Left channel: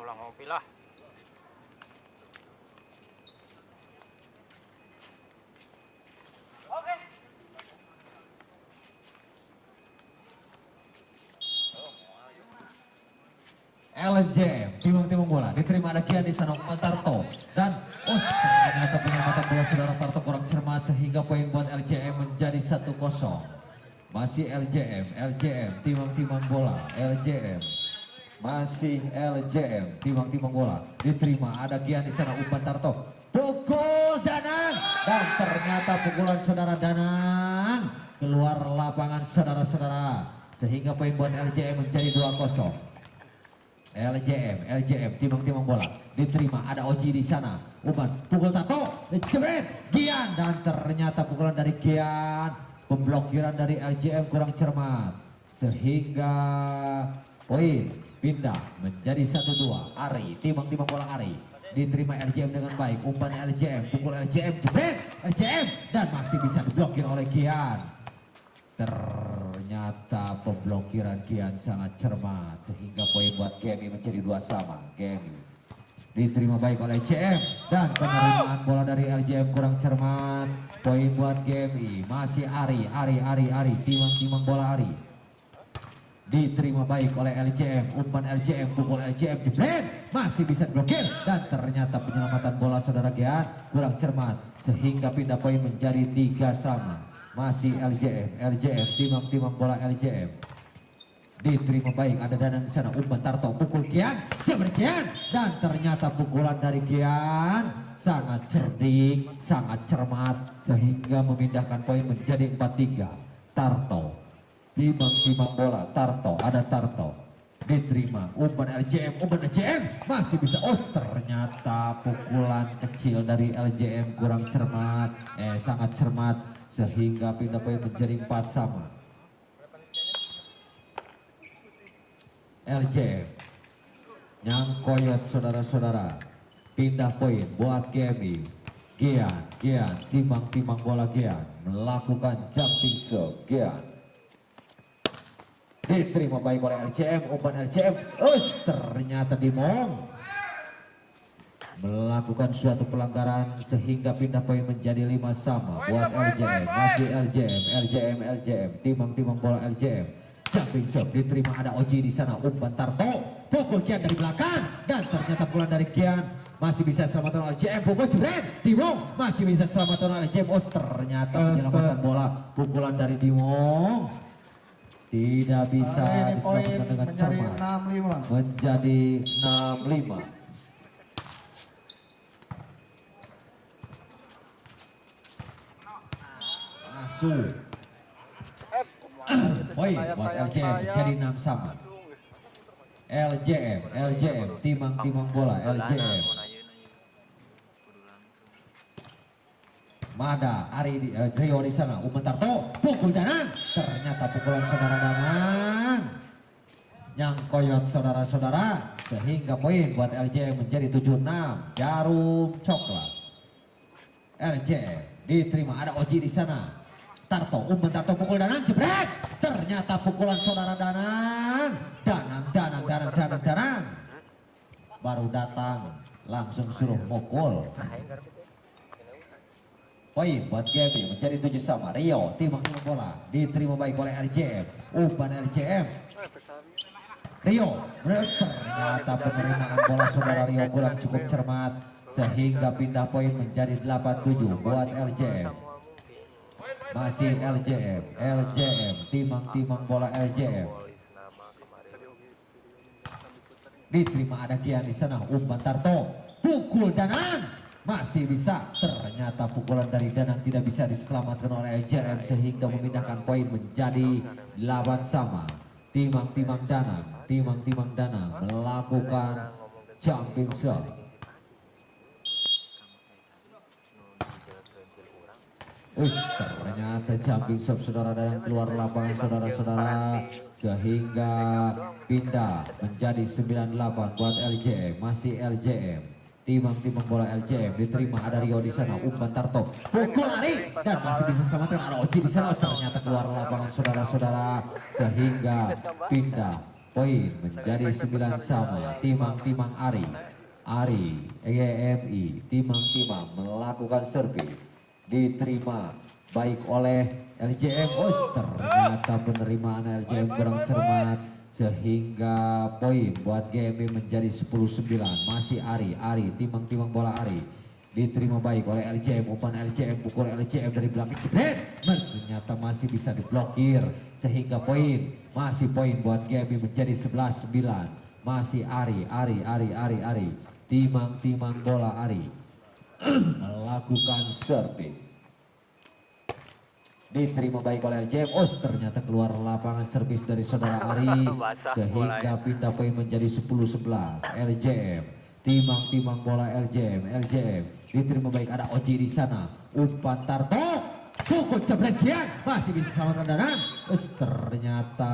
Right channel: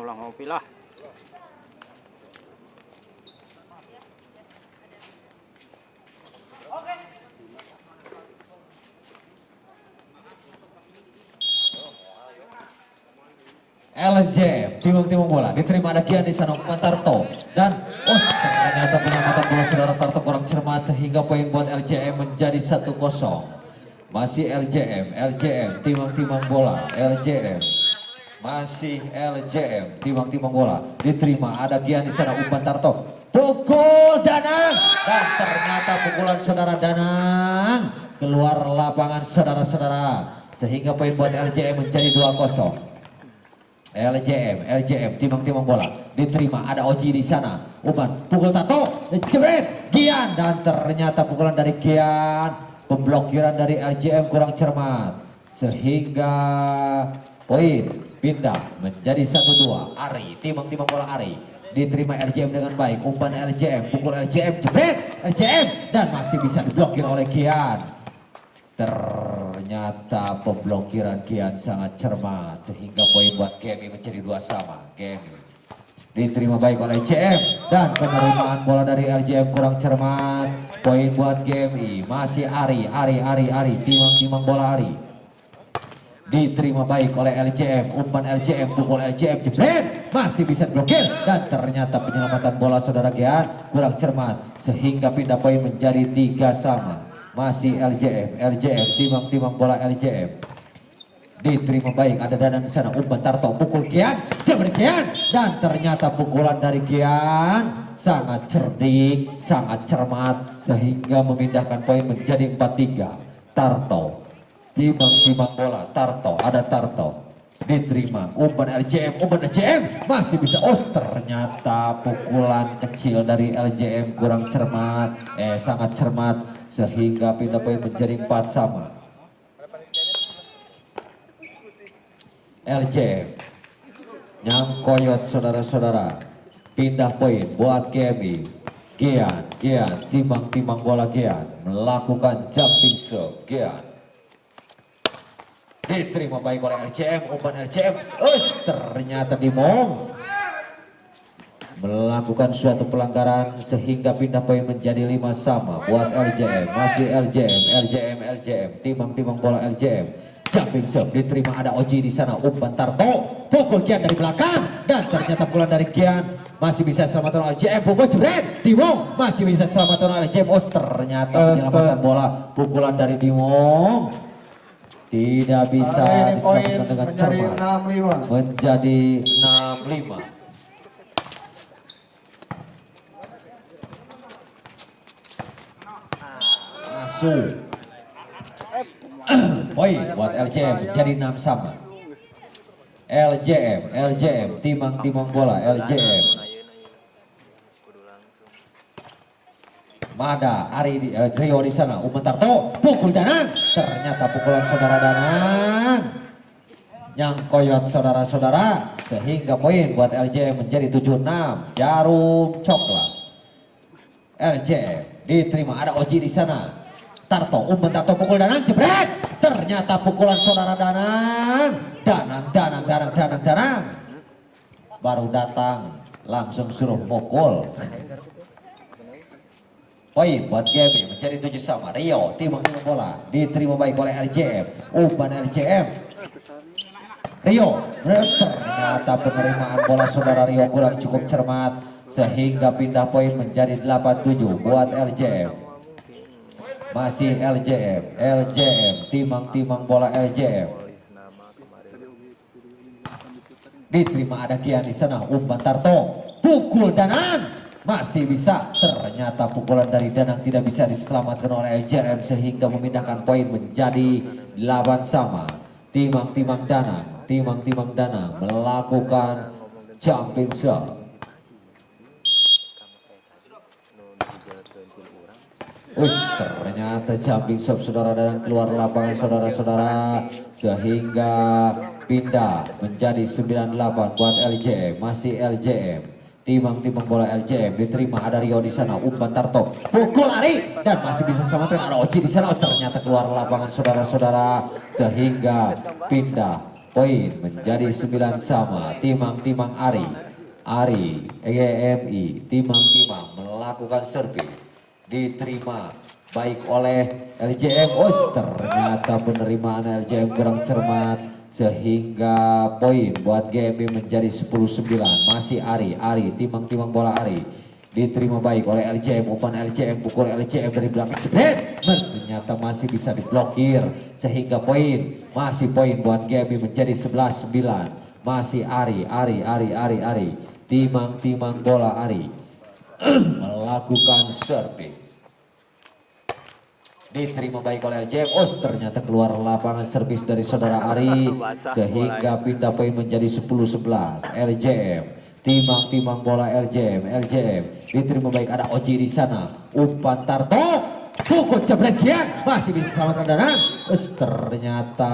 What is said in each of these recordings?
ulang ngopi lah. LJ timung bola diterima ada Gian di sana umpan Tarto dan ternyata penyelamatan bola saudara Tarto kurang cermat sehingga poin buat LJM menjadi 1-0. Masih LJM timang bola LJM masih LJM timang bola diterima ada Gian di sana umpan Tarto pukul Danang dan ternyata pukulan saudara Danang keluar lapangan saudara-saudara sehingga poin buat LJM menjadi 2-0. LJM timang bola diterima ada Oji di sana umpan pukul Tato jebret Gian dan ternyata pukulan dari Gian pemblokiran dari LJM kurang cermat sehingga poin pindah menjadi 1-2. Ari timang bola Ari diterima LJM dengan baik umpan LJM pukul LJM jebret LJM dan masih bisa diblokir oleh Gian. Ternyata pemblokiran Gian sangat cermat sehingga poin buat Gemi menjadi 2 sama. Gemi diterima baik oleh LJM dan penerimaan bola dari LJM kurang cermat. Poin buat Gemi masih Ari timang bola Ari diterima baik oleh LJM umpan LJM pukul LJM jebret masih bisa diblokir dan ternyata penyelamatan bola saudara Gian kurang cermat sehingga pindah poin menjadi 3 sama. Masih LJM timang bola LJM diterima baik ada Danang di sana umpan Tarto pukul Gian jebret Gian dan ternyata pukulan dari Gian sangat cerdik sangat cermat sehingga memindahkan poin menjadi 4-3. Tarto timang bola Tarto ada Tarto diterima umpan LJM masih bisa ternyata pukulan kecil dari LJM kurang cermat sangat cermat sehingga pindah poin menjadi 4 sama. LJM nyangkoyot saudara-saudara pindah poin buat Gemi Gian timang bola Gian melakukan jumping serve Gian diterima baik oleh LJM umpan LJM ternyata Dimong melakukan suatu pelanggaran sehingga pindah poin menjadi 5 sama buat LJM. Masih LJM timang bola LJM jumping serve diterima ada Oji di sana umpan Tarto pukul Gian dari belakang dan ternyata pukulan dari Gian masih bisa selamatkan LJM pukul jebret Dimong masih bisa selamatkan LJM ternyata penyelamatan bola pukulan dari Dimong tidak bisa diselamatkan dengan cermat menjadi 6-5. Poin buat LJM jadi 6 sama. LJM timang bola LJM Mada Ari Rio di sana umpan Tarto pukul Danang ternyata pukulan saudara Danang nyangkoyot saudara-saudara sehingga poin buat LJM menjadi 7-6. Jarum coklat LJM diterima ada Oji di sana Tarto umpan Tarto pukul Danang jebret ternyata pukulan saudara Danang baru datang langsung suruh pukul. Poin buat Gemi menjadi 7 sama. Rio timang bola diterima baik oleh LJM umpan LJM Rio ternyata penerimaan bola saudara Rio kurang cukup cermat sehingga pindah poin menjadi 8-7 buat LJM. Masih LJM timang bola LJM diterima ada Gian di sana umpan Tarto pukul Danang masih bisa ternyata pukulan dari Danang tidak bisa diselamatkan oleh LJM sehingga memindahkan poin menjadi 8 sama. Timang Danang melakukan jumping shot. Ternyata jumping shot saudara Danang keluar lapangan saudara-saudara sehingga pindah menjadi 9-8 buat LJM. Masih LJM timang bola LJM diterima ada Rio di sana umpan Tarto pukul Ari dan masih bisa selamatkan ada Oji di sana ternyata keluar lapangan saudara-saudara sehingga pindah Poin menjadi 9 sama. Timang-timang Ari EGMI timang-timang melakukan servis, diterima baik oleh LJM. Ternyata penerimaan LJM kurang cermat sehingga poin buat GMI menjadi 10-9. Masih Ari timang-timang bola Ari, diterima baik oleh LJM. Umpan LJM, pukul LJM dari belakang, ternyata masih bisa diblokir sehingga masih poin buat GMI menjadi 11-9. Masih Ari timang-timang bola Ari melakukan servis, diterima baik oleh LJM. Ternyata keluar lapangan servis dari saudara Ari sehingga pindah poin menjadi 10-11. LJM timang-timang bola LJM diterima baik, ada Oji di sana. Umpan Tarto, pukul jebret kian, masih bisa selamatkan Danang. Ternyata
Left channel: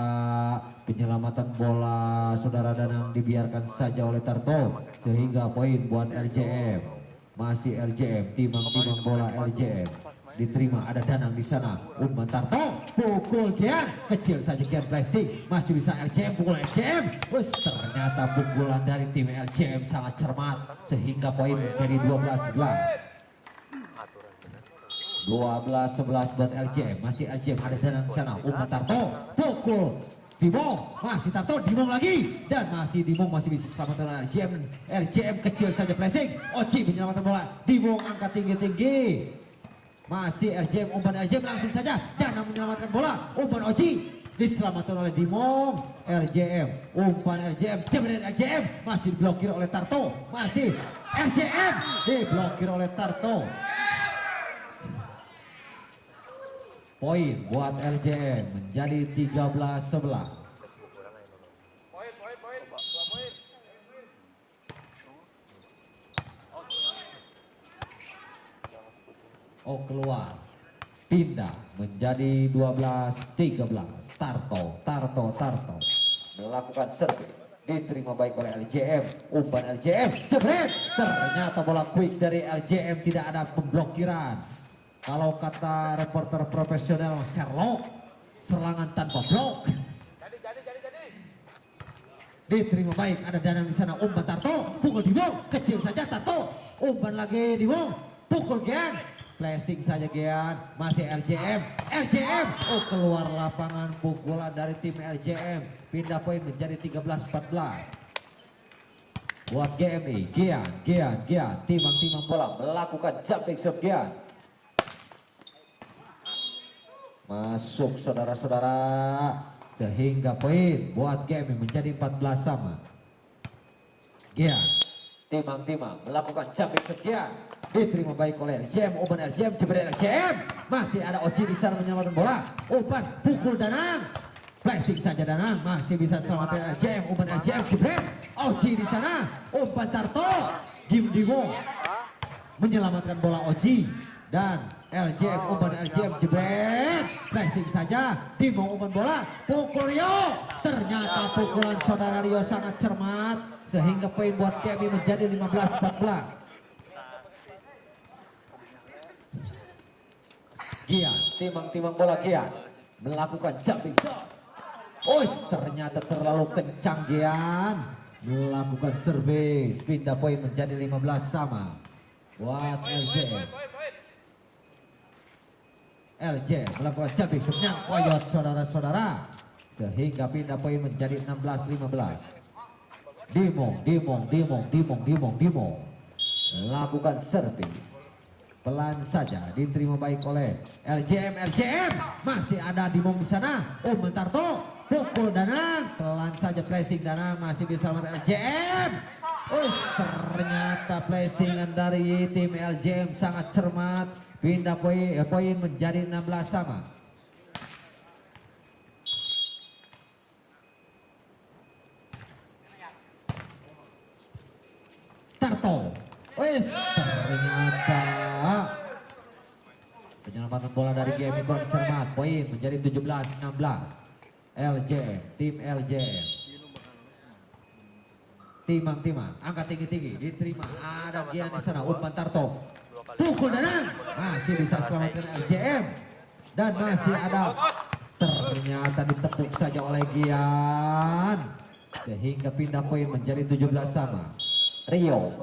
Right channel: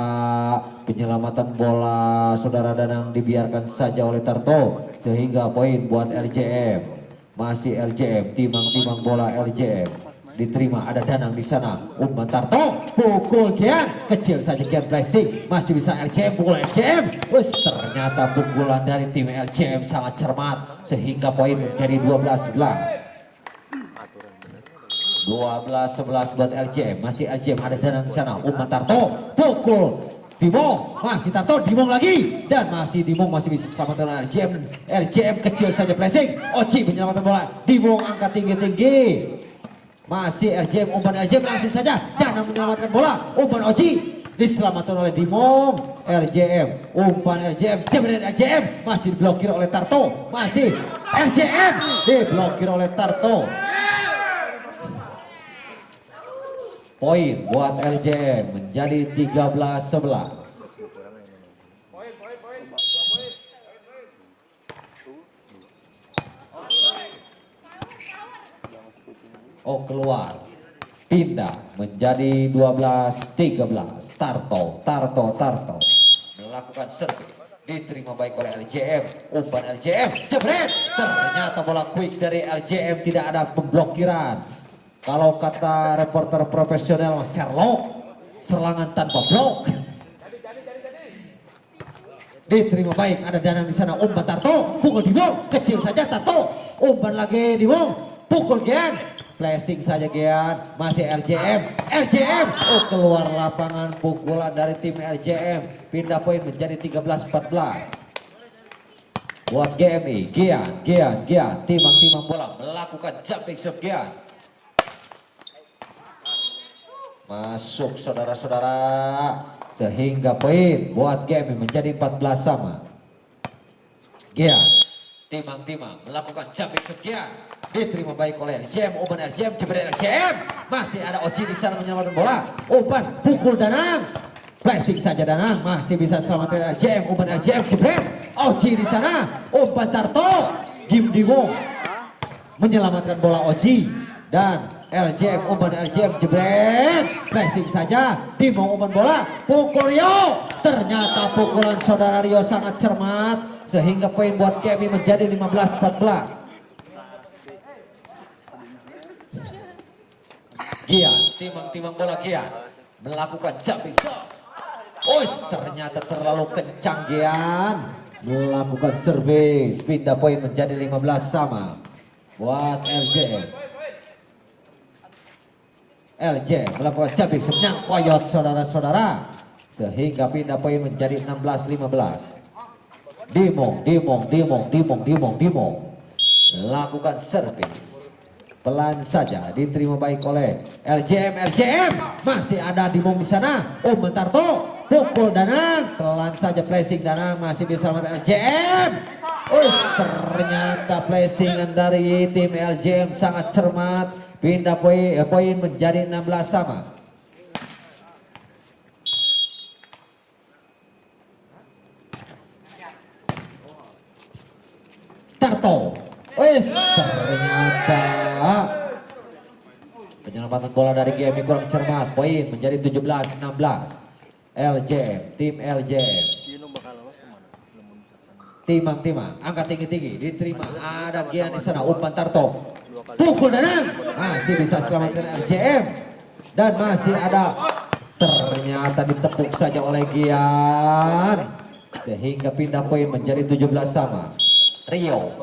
penyelamatan bola saudara Danang dibiarkan saja oleh Tarto sehingga poin buat LJM. Masih LJM timang-timang bola LJM, diterima, ada Danang di sana. Umpan Tarto, pukul Gian, kecil saja Gian blessing, masih bisa LJM, pukul LJM. Ternyata pukulan dari tim LJM sangat cermat sehingga poin menjadi 12-11. 12-11 buat LJM. Masih LJM, ada Danang di sana. Umpan Tarto, pukul Dimong, masih Tarto, Dimong lagi, dan masih Dimong masih bisa selamatkan LJM. LJM kecil saja blessing, Oci menyelamatkan bola. Dimong angkat tinggi-tinggi, masih LJM. Umpan LJM langsung saja Danang menyelamatkan bola. Umpan Oci diselamatkan oleh Dimong. LJM, umpan LJM, jebret LJM, masih diblokir oleh Tarto. Masih LJM diblokir oleh Tarto. Poin buat LJM menjadi 13-11. Keluar, pindah menjadi 12-13. Tarto melakukan servis, diterima baik oleh LJM. Umpan LJM, jebret. Ternyata bola quick dari LJM, tidak ada pemblokiran. Kalau kata reporter profesional Sherlock, serangan tanpa blok. Diterima baik, ada Danang di sana. Umpan Tarto, pukul Dimong, kecil saja Tarto. Umpan lagi Dimong, pukul Gian, flashing saja Gian. Masih LJM, keluar lapangan, pukulan dari tim LJM. Pindah poin menjadi 13-14. Buat GMI, Gian, timang-timang bola melakukan jumping shot Gian. Masuk saudara-saudara sehingga poin buat GMI menjadi 14 sama. Gian, timang-timang melakukan jumping sekian, diterima baik oleh LJM. Umpan LJM, jebret LJM, masih ada Oji di sana menyelamatkan bola. Umpan pukul Danang, flashing saja Danang, masih bisa selamatkan LJM. Umpan LJM, jebret Oji di sana. Umpan Tarto, Dimong menyelamatkan bola Oji, dan LJM, umpan LJM, jebret, flashing saja. Dimong umpan bola, pukul Rio. Ternyata pukulan saudara Rio sangat cermat sehingga poin buat GMI menjadi 15-14. Gia, timang-timang bola Gia melakukan jumping shot. Ternyata terlalu kencang Gian, melakukan servis. Pindah poin menjadi 15 sama buat LJM. Melakukan jumping senyang koyot saudara-saudara sehingga pindah poin menjadi 16-15. Dimong melakukan servis, pelan saja, diterima baik oleh LJM. Masih ada Dimong di sana. Umpan Tarto, pukul Danang, pelan saja flashing Danang, masih bisa melakukan LJM. Ternyata flashingan dari tim LJM sangat cermat. Pindah poin menjadi 16 sama. Tarto, ternyata penyelamatan bola dari GMI kurang cermat. Poin menjadi 17-16. LJM, tim LJM. Timang-timang, angkat tinggi-tinggi, diterima. Ada Gian di sana. Umpan Tarto, pukul Danang, masih bisa selamatkan LJM, dan masih ada, ternyata ditepuk saja oleh Gian. sehingga pindah poin menjadi 17 sama. Rio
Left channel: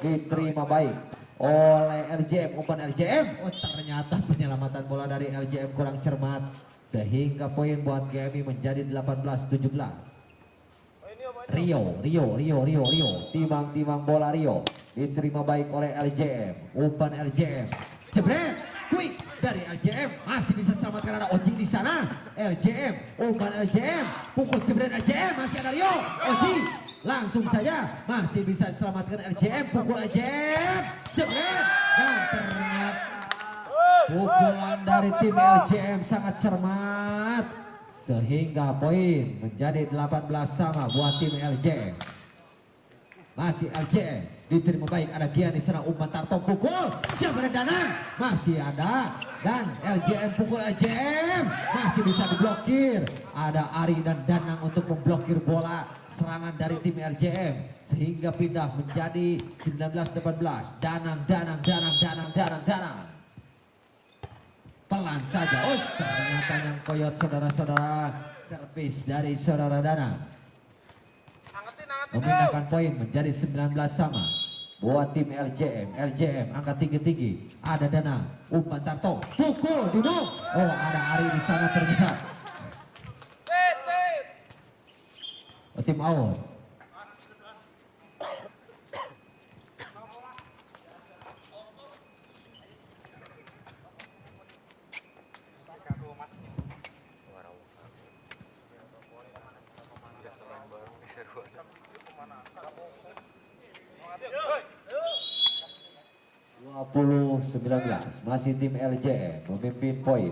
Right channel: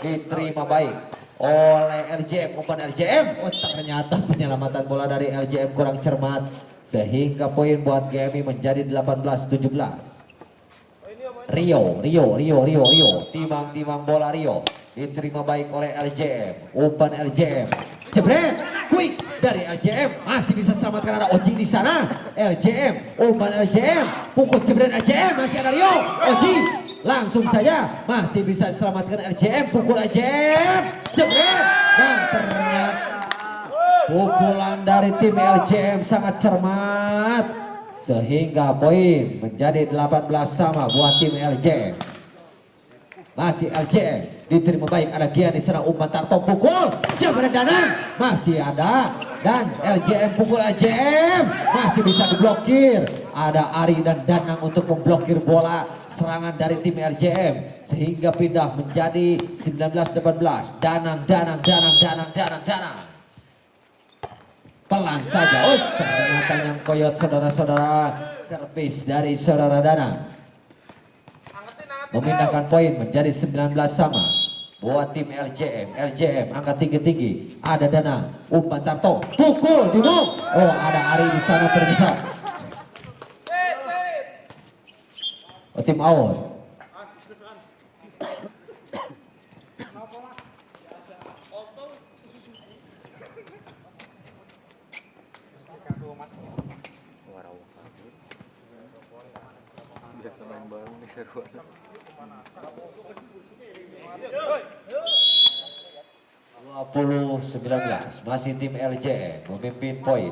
diterima baik oleh LJM, umpan LJM. Oh, ternyata penyelamatan bola dari LJM kurang cermat sehingga poin buat GMI menjadi 18-17. Rio timang bola Rio diterima baik oleh LJM, umpan LJM. Jebret, quick dari LJM, masih bisa selamatkan, ada Oji di sana. LJM, umpan LJM, pukul jebret LJM, masih ada Rio. Oji langsung saja masih bisa selamatkan LJM, pukul LJM, jebret, dan ternyata pukulan dari tim LJM sangat cermat sehingga poin menjadi 18 sama buat tim LJM. Masih LJM diterima baik, ada Gian di sana, umpan Tarto, pukul jebret Danang, masih ada, dan LJM pukul LJM masih bisa diblokir. Ada Ari dan Danang untuk memblokir bola serangan dari tim LJM sehingga pindah menjadi 19-18. Danang. Pelan saja, ternyata yang koyot saudara-saudara, servis dari saudara Danang memindahkan poin menjadi 19 sama buat tim LJM. LJM angkat tinggi, ada Danang, umpan Tarto, pukul Dimo. Oh, ada Ari di sana ternyata. Tim Aul. Puluh 19 masih tim LJM memimpin poin.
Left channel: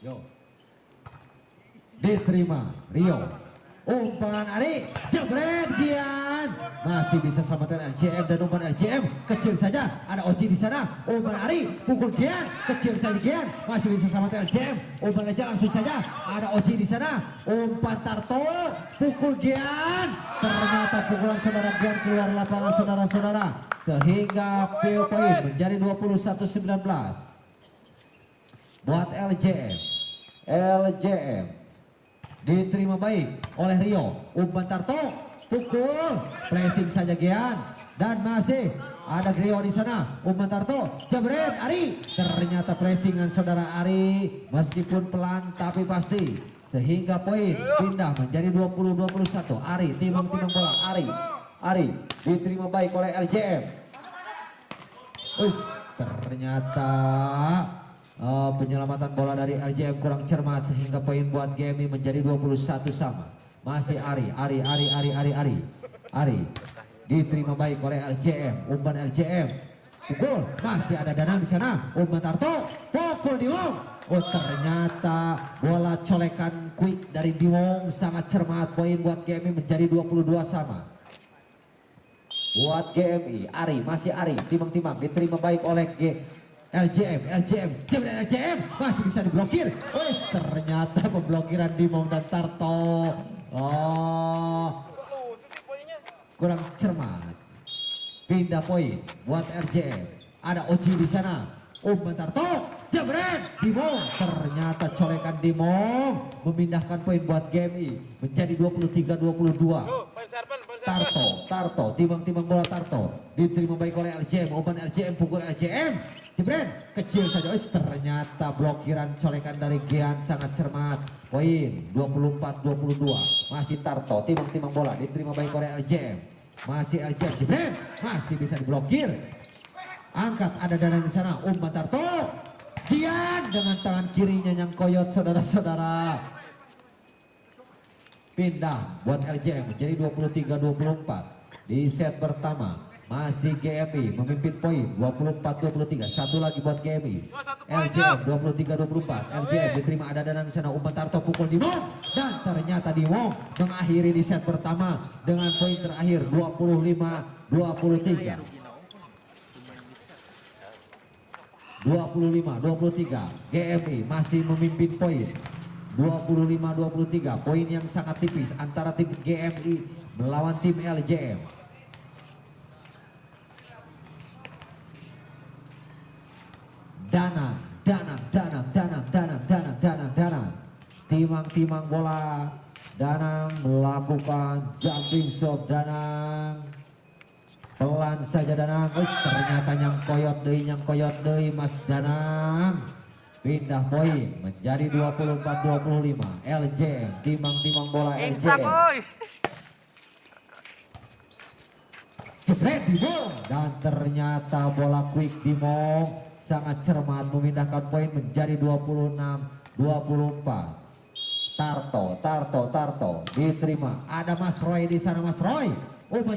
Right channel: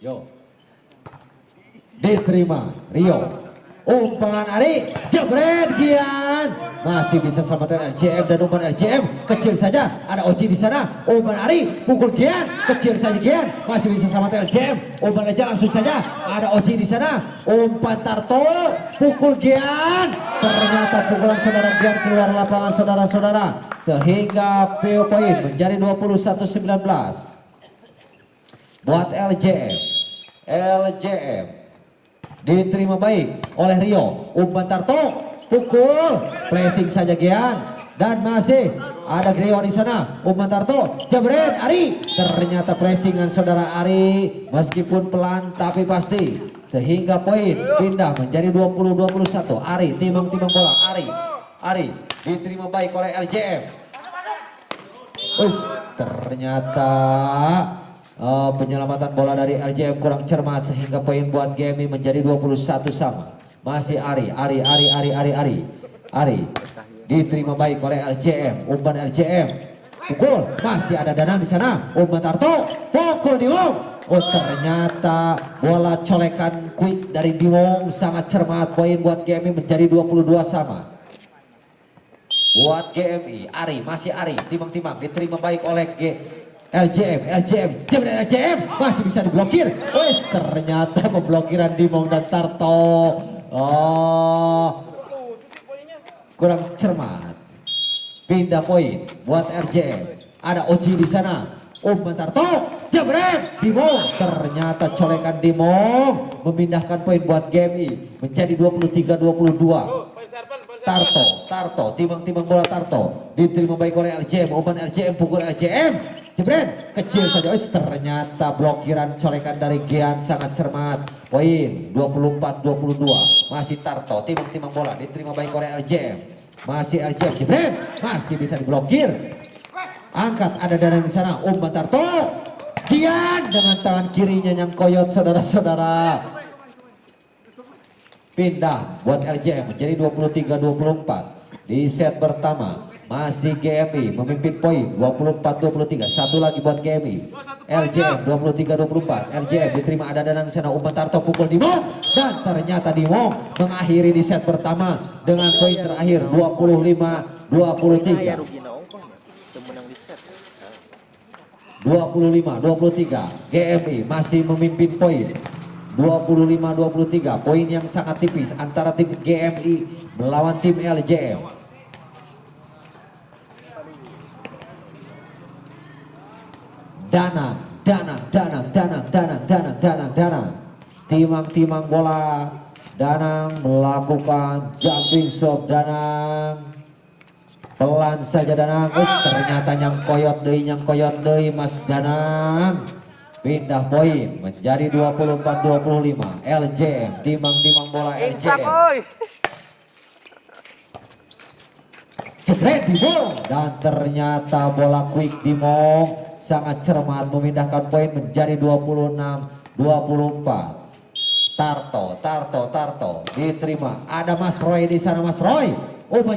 Yo, diterima Rio, umpan Ari, jebret Gian, masih bisa selamatkan LJM, dan umpan LJM kecil saja, ada Oji di sana, umpan Ari, pukul Gian, kecil saja Gian, masih bisa selamatkan LJM, umpan LJM langsung saja, ada Oji di sana, umpan Tarto, pukul Gian, ternyata pukulan saudara Gian keluar lapangan saudara-saudara, sehingga poin menjadi 21-19 buat LJM. LJM diterima baik oleh Rio, umpan Tarto, pukul, pressing saja Gian, dan masih ada Rio di sana, umpan Tarto, jebret Ari, ternyata pressingan saudara Ari meskipun pelan tapi pasti, sehingga poin pindah menjadi 20-21. Ari timang bola, Ari diterima baik oleh LJM. Ternyata penyelamatan bola dari LJM kurang cermat sehingga poin buat GMI menjadi 21 sama. Masih Ari diterima baik oleh LJM, umpan LJM, pukul, masih ada Danang di sana, umpan Tarto, pukul Dimong. Oh, ternyata bola colekan quick dari Dimong sangat cermat, poin buat GMI menjadi 22 sama. Buat GMI, masih Ari, timang diterima baik oleh LJM masih bisa diblokir. Ternyata pemblokiran Dimong dan Tarto kurang cermat. Pindah poin buat LJM. Ada Oji di sana, umpan Tarto, jebret Dimong. Ternyata colekan Dimong memindahkan poin buat GMI menjadi 23-22. Tarto, timang bola Tarto diterima baik oleh LJM, umpan LJM, pukul LJM, jebret kecil saja. Ternyata blokiran colekan dari Gian sangat cermat, poin 24-22. Masih Tarto, timang bola diterima baik oleh LJM, masih LJM, jebret, masih bisa diblokir, angkat, ada Danang di sana, umpan Tarto, Gian dengan tangan kirinya yang koyot saudara-saudara. Pindah buat LJM menjadi 23-24 di set pertama. Masih GMI memimpin poin 24-23. Satu lagi buat GMI. LJM 23-24. LJM diterima, ada Danang sana, umpan Tarto, pukul Dimong, dan ternyata Dimong mengakhiri di set pertama dengan poin terakhir 25-23. 25-23. GMI masih memimpin poin 25-23, poin yang sangat tipis antara tim GMI melawan tim LJM. Danang. Timang bola. Danang melakukan jumping shot. Danang pelan saja Danang. Ternyata nyang koyot deui Mas Danang. Pindah poin menjadi 24-25. LJM timang bola LJM. Jebret Dimong dan ternyata bola quick Dimong sangat cermat memindahkan poin menjadi 26-24. Tarto diterima, ada Mas Roy di sana. Mas Roy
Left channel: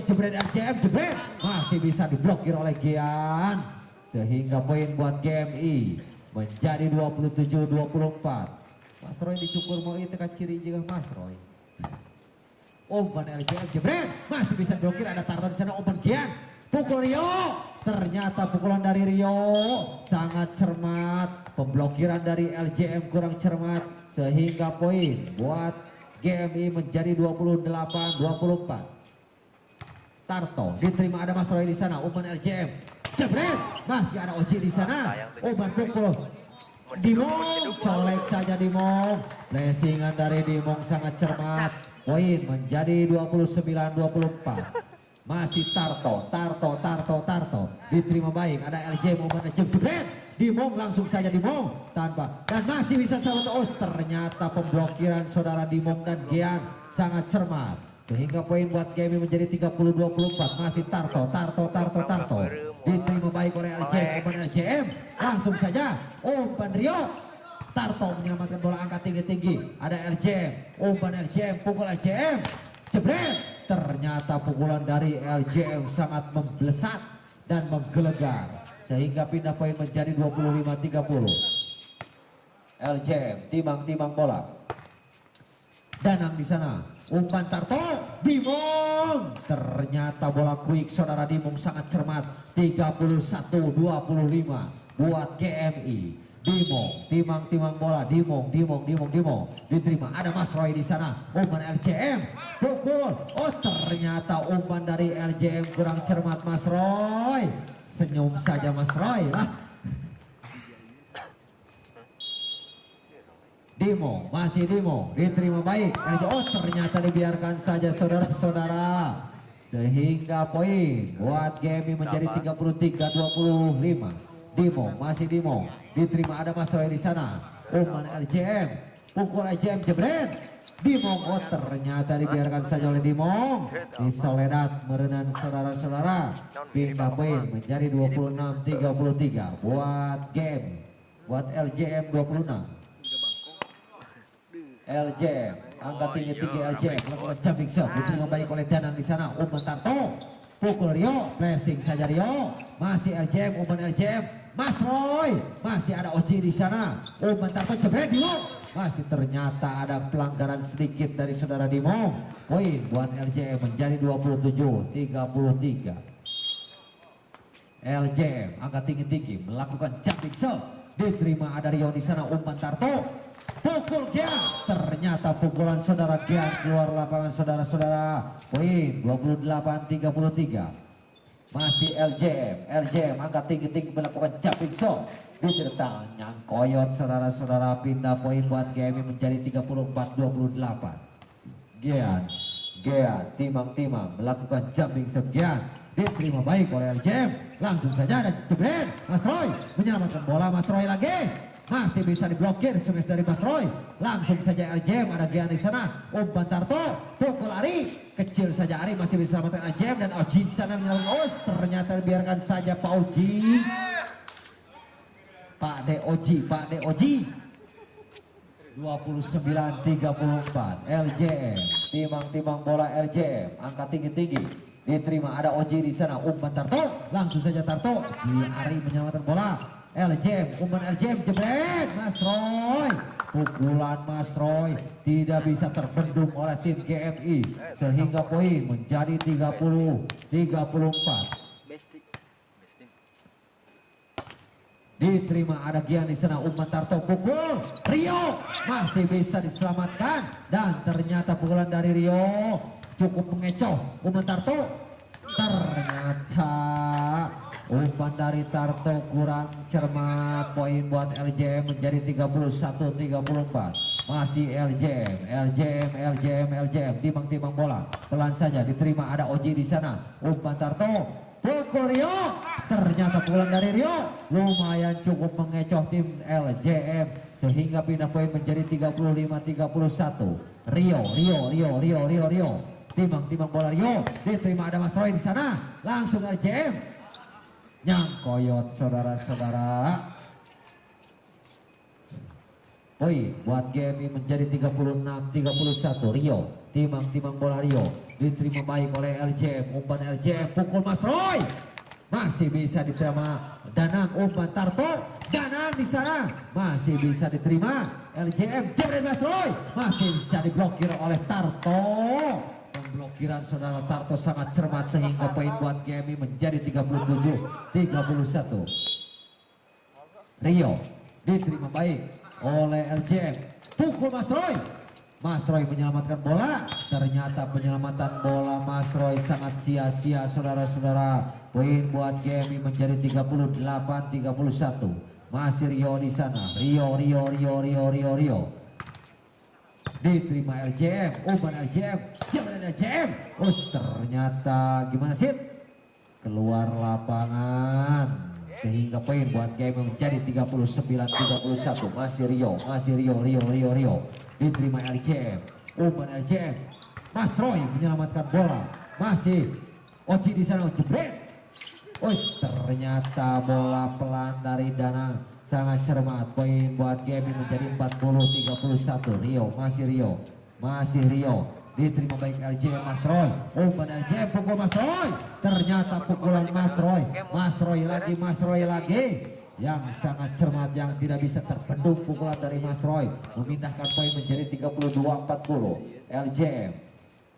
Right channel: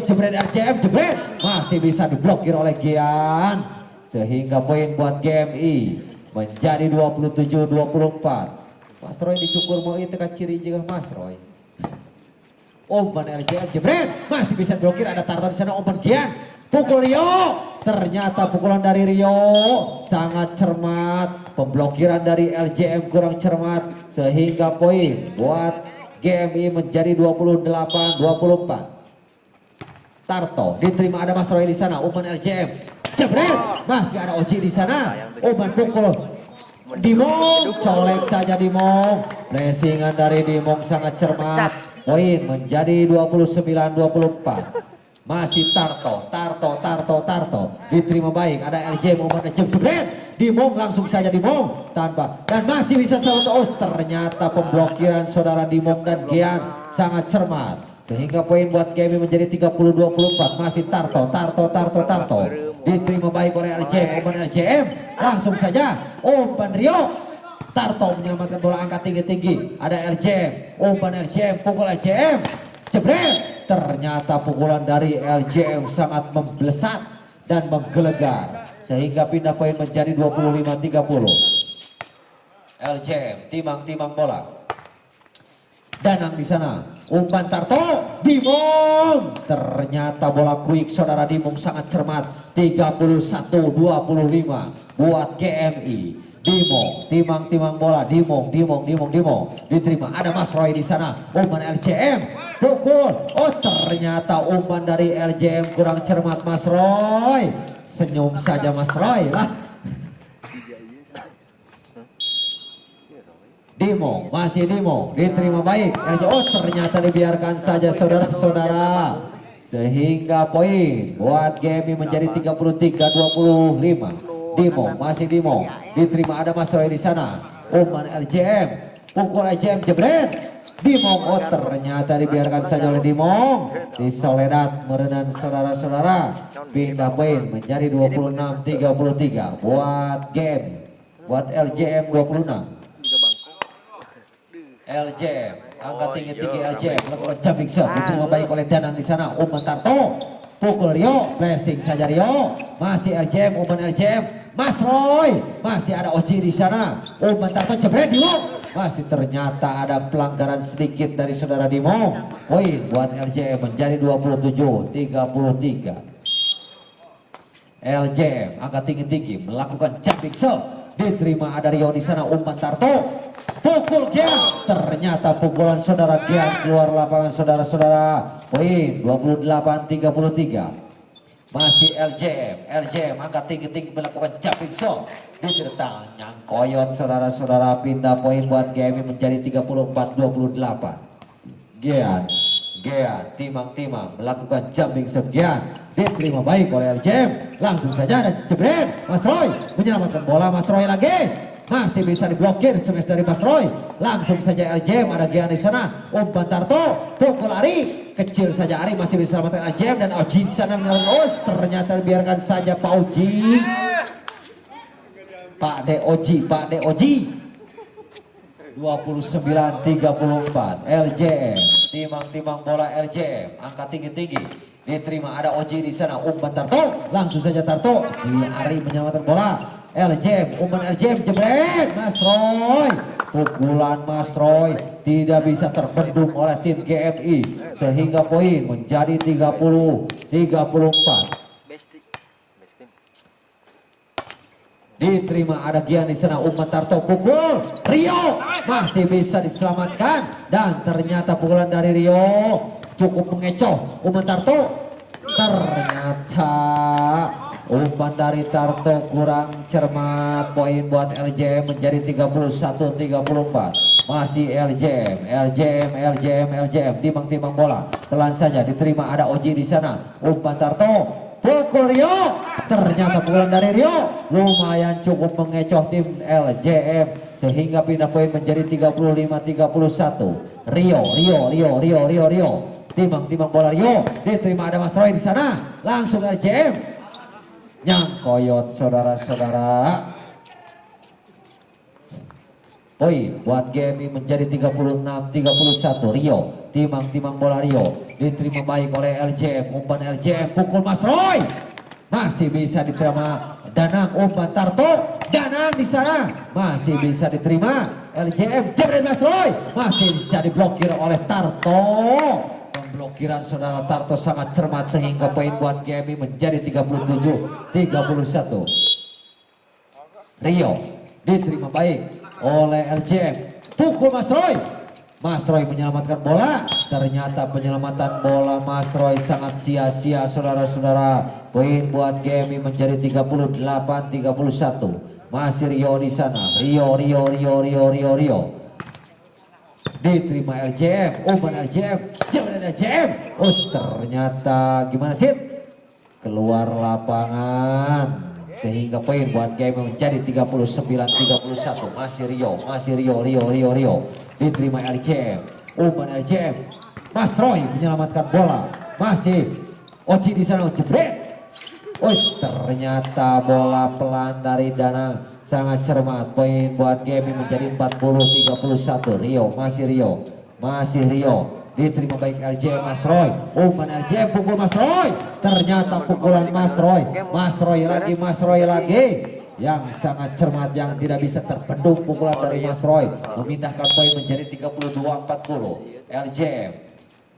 jebret LJM, jebret masih bisa diblokir oleh Gian sehingga poin buat GMI menjadi 27-24. Mas Roy dicukur mau itu kan ciri juga Mas Roy. Umpan LJM jebret masih bisa diblokir, ada Tarto di sana. Umpan Gian, pukul Rio, ternyata pukulan dari Rio sangat cermat. Pemblokiran dari LJM kurang cermat sehingga poin buat GMI menjadi 28-24. Tarto diterima, ada Mas Roy di sana. Umpan LJM jebret masih ada Oji di sana. Umpan pukul Dimong, colek saja Dimong. Pressingan dari Dimong sangat cermat. Poin menjadi 29-24. Masih Tarto diterima baik, ada LJM umpan jebret. Dimong langsung saja Dimong tanpa dan masih bisa selamat. Ternyata pemblokiran saudara Dimong dan Gian sangat cermat sehingga poin buat GMI menjadi 30-24. Masih Tarto diterima baik oleh LJM. Umpan LJM langsung saja umpan Rio. Tarto menyelamatkan bola angkat tinggi, ada LJM. Umpan LJM, pukul LJM jebret. Ternyata pukulan dari LJM sangat memblesat dan menggelegar sehingga pindah poin menjadi 25-30. LJM timang bola. Danang di sana. Umpan Tarto, Dimong. Ternyata bola quick saudara Dimong sangat cermat. 31-25 buat GMI. Dimong, timang bola, Dimong diterima, ada Mas Roy di sana. Umpan LJM, pukul. Ternyata umpan dari LJM kurang cermat Mas Roy. Senyum saja Mas Roy lah. Dimong, masih Dimong diterima baik. Ternyata dibiarkan saja saudara-saudara sehingga poin buat GMI menjadi 33-25. Dimong, masih Dimong diterima, ada Mas Roy di sana. Umpan LJM, pukul LJM jebret. Dimong, ternyata dibiarkan saja oleh Dimong. Di Soledad merenang saudara-saudara. Pindah poin menjadi 26-33 buat game. Buat LJM 26. LJM, angkat tinggi LJM, melakukan jumping shot, diterima baik oleh Danang di sana. Umpan Tarto, pukul Rio, blessing saja Rio. Masih LJM, umpan LJM, Mas Roy, masih ada Oji di sana. Umpan Tarto jebret Dimong, masih ternyata ada pelanggaran sedikit dari saudara Dimong. Poin buat LJM menjadi 27-33. LJM angkat tinggi melakukan jumping shot, diterima ada Rio di sana. Umpan Tarto, pukul Gian, ternyata pukulan saudara Gian keluar lapangan saudara-saudara. Poin 28-33. Masih LJM angkat tinggi melakukan jumping shot, ditertang yang koyot saudara-saudara. Pindah poin buat GMI menjadi 34-28. Gian timang melakukan jumping shot. Gian diterima baik oleh LJM, langsung saja dan jebret. Mas Roy menyelamatkan bola. Mas Roy lagi masih bisa diblokir smash dari Mas Roy. Langsung saja LJM, ada Gian di sana. Umpan Tarto, pukul Ari, kecil saja Ari, masih bisa selamatkan LJM dan Oji di sana menyelamatkan. Ternyata biarkan saja Pak Oji. Pak De Oji 29-34. LJM timang bola. LJM angkat tinggi diterima, ada Oji di sana. Umpan Tarto, langsung saja Tarto, Ari menyelamatkan bola. LJM, umpan LJM jebret. Mas Roy, pukulan Mas Roy tidak bisa terbendung oleh tim GMI sehingga poin menjadi 30-34. Diterima, ada Gian di sana. Umpan Tarto, pukul Rio, masih bisa diselamatkan dan ternyata pukulan dari Rio cukup mengecoh. Umpan Tarto ternyata umpan dari Tarto kurang cermat. Poin buat LJM menjadi 31-34. Masih LJM timang-timang bola. Pelan saja diterima, ada Oji di sana. Umpan Tarto, pukul Rio. Ternyata pukulan dari Rio lumayan cukup mengecoh tim LJM sehingga pindah poin menjadi 35-31. Rio. Timang bola Rio diterima, ada Mas Roy di sana. Langsung LJM nyangkoyot saudara-saudara. Poin buat GMI menjadi 36-31. Rio, timang bola Rio diterima baik oleh LJM. Umpan LJM, pukul Mas Roy masih bisa diterima. Danang, umpan Tarto, Danang di sana masih bisa diterima. LJM jadi Mas Roy masih bisa diblokir oleh Tarto. Pemblokiran saudara Tarto sangat cermat sehingga poin buat GMI menjadi 37-31. Rio diterima baik oleh LJM, pukul Mas Roy. Mas Roy menyelamatkan bola. Ternyata penyelamatan bola Mas Roy sangat sia-sia saudara-saudara. Poin buat GMI menjadi 38-31. Masih Rio di sana. Rio. Diterima LJM, umpan LJM, jauh dari LJM. Ternyata gimana sih? Keluar lapangan sehingga poin buat GMI menjadi 39-31. Masih Rio. Diterima LJM, umpan LJM. Mas Roy menyelamatkan bola. Masih Oji di sana, jebret. Ternyata bola pelan dari Danang sangat cermat. Poin buat GMI menjadi 40-31. Rio. Diterima baik LJM, Mas Roy. Umpan LJM, pukul Mas Roy. Ternyata pukulan Mas Roy lagi. Yang sangat cermat, yang tidak bisa terbendung pukulan dari Mas Roy. Memindahkan poin menjadi 32-40. LJM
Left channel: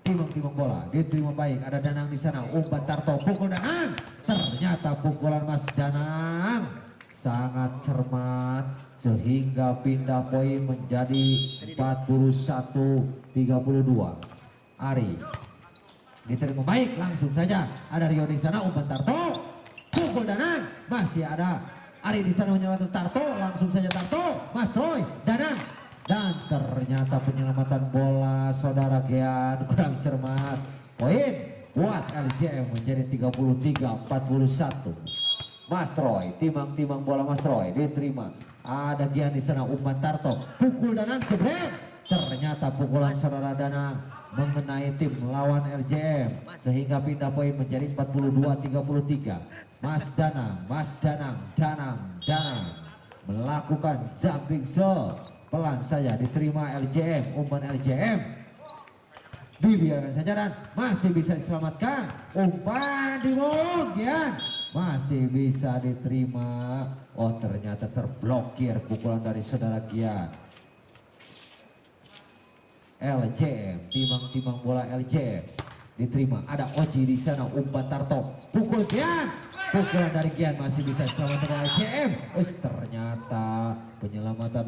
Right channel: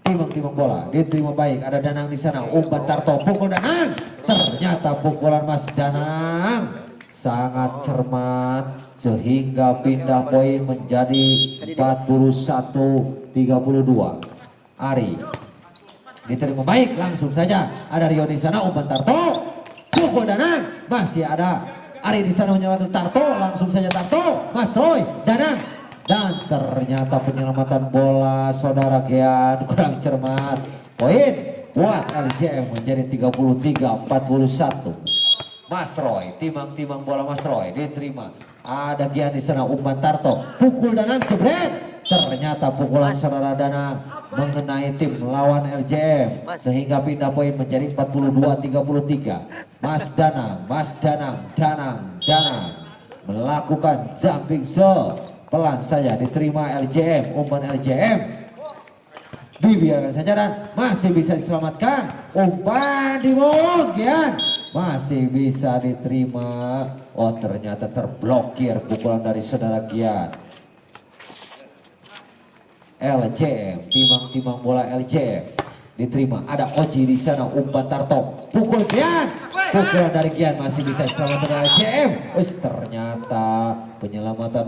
timang bola diterima baik, ada Danang di sana. Umpan Tarto, pukul Danang. Ternyata pukulan Mas Danang sangat cermat sehingga pindah poin menjadi 41-32. Ari diterima baik, langsung saja ada Rio di sana. Umpan Tarto, pukul Danang. Masih ada Ari di sana menyelamatkan Tarto. Langsung saja Tarto, Mas Roy, Danang. Dan ternyata penyelamatan bola saudara Gian kurang cermat. Poin buat LJM menjadi 33-41. Mas Roy, timang bola Mas Roy diterima. Ada Gian di sana. Umpan Tarto, pukul Danang, jebret. Ternyata pukulan saudara Danang mengenai tim lawan LJM sehingga pindah poin menjadi 42-33. Mas Danang melakukan jumping shot. Pelan saja diterima LJM. Umpan LJM dibiarkan saja dan masih bisa diselamatkan. Umpan di Gian masih bisa diterima. Ternyata terblokir pukulan dari saudara Gian. LJM, timang bola LJM diterima, ada Oji di sana. Umpan Tarto, pukul Gian. Pukulan dari Gian masih bisa diselamatkan LJM. Ternyata penyelamatan